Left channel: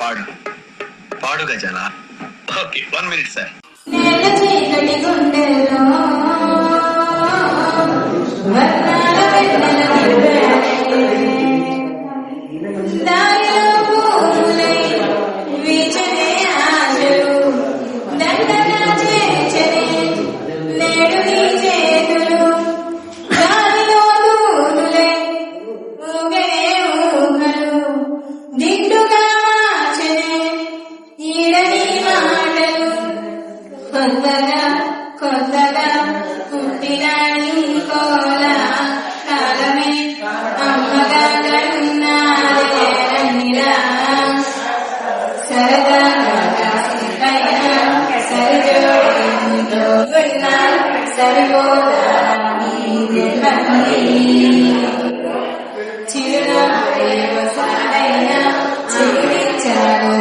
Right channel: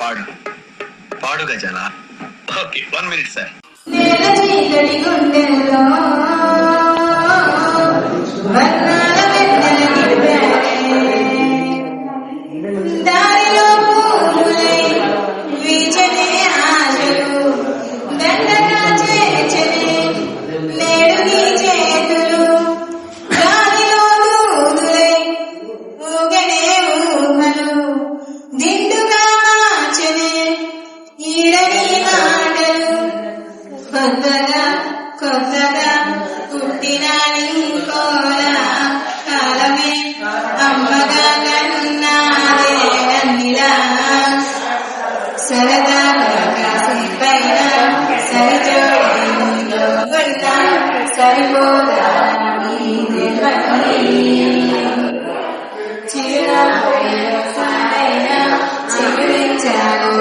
పాడు పాడు గజాల. Okay, 1 minute sir. కొత్తగా కొత్తగా పుట్టిన కోల కాలమే అమ్మగా కన్నారా సరదా సరిజోడిలో ఉన్న సరిపోదా చిరునవ్వు చిగురించాడు.